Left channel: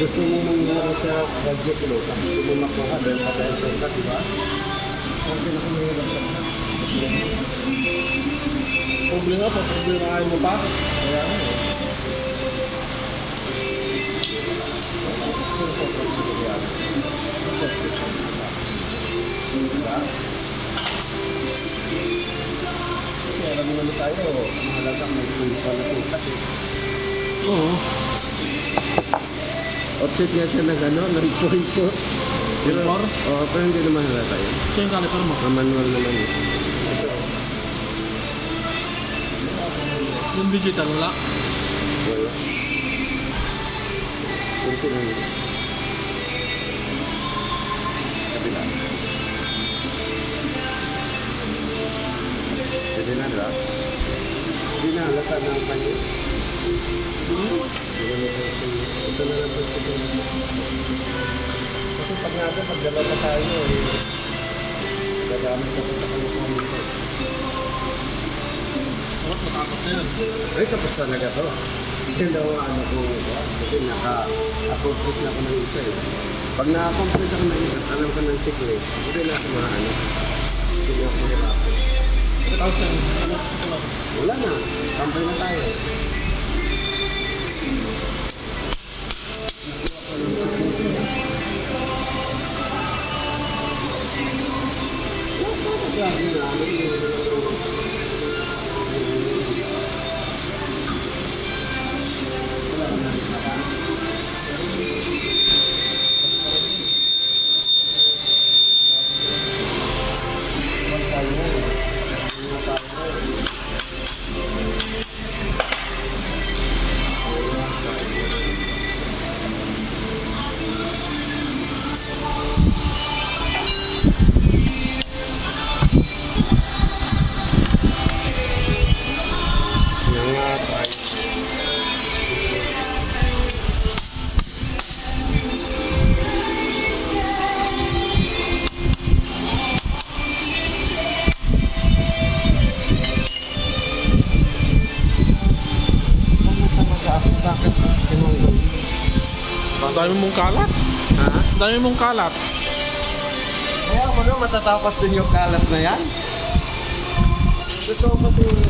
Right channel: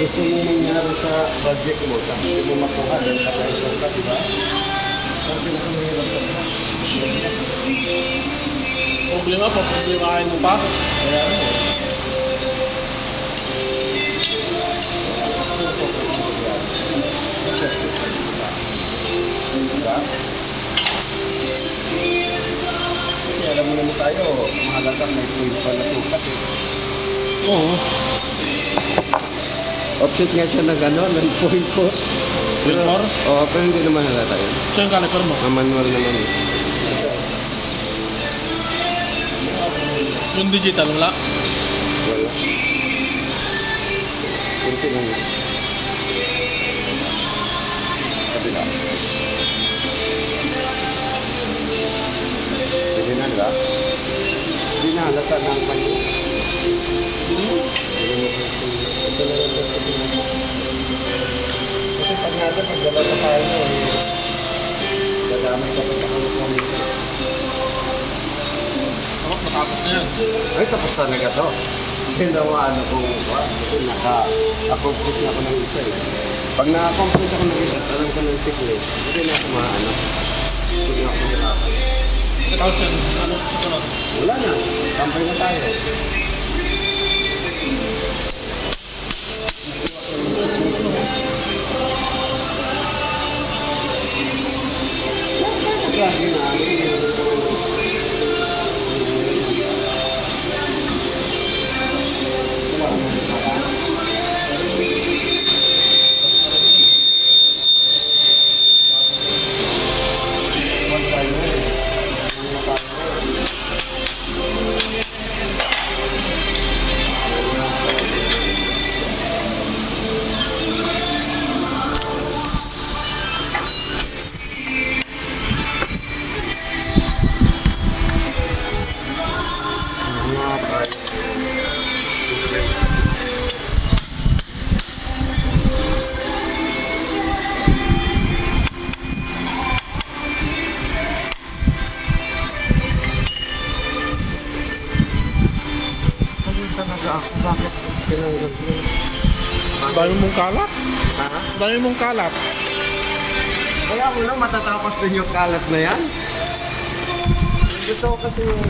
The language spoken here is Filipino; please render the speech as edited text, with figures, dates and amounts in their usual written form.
gusto mo mangyari sa project mo, tapos hindi mo makuha dahil patay ka, di ba? Ang pinakamahirap ka pa. Problema pa, problemahin mo pa. Kaya ano eh. Diba? Kasi alam mo naman tayo, mahalaga may point pa na sukat eh. Oo. Offset nga siya ng ano, ng point po. Point four? Oo, pero hindi naman halata yun. So yung caliper mo? Manual naman eh. Yung digital wala? Wala. Kunti lang yun. Kabila. Pwede na, diba? Hindi na halata ng kanya. Ito na lang ito. Kasi pag natin, pag dalawa tayo, gagamit ako sa kanya. Oo, matapos na yan. Ay, tapos talaga to. Hindi na ano kung ba? Kasi naka-accomplish na ako ng isa eh. Pag na-accomplish ako ng isa, tanong ko ng tikli, hindi na ako ano. Hindi na ako hirapan. Matapos na yan. Ano? Susunod. Wala na. Kampay na tayo. Grabe na. Bakit pinanggal yun? Ang dami mong kalat. Ha? Ang dami mong kalat. Kaya mo na matatapos din yung kalat na yan. Gusto ko kasi yung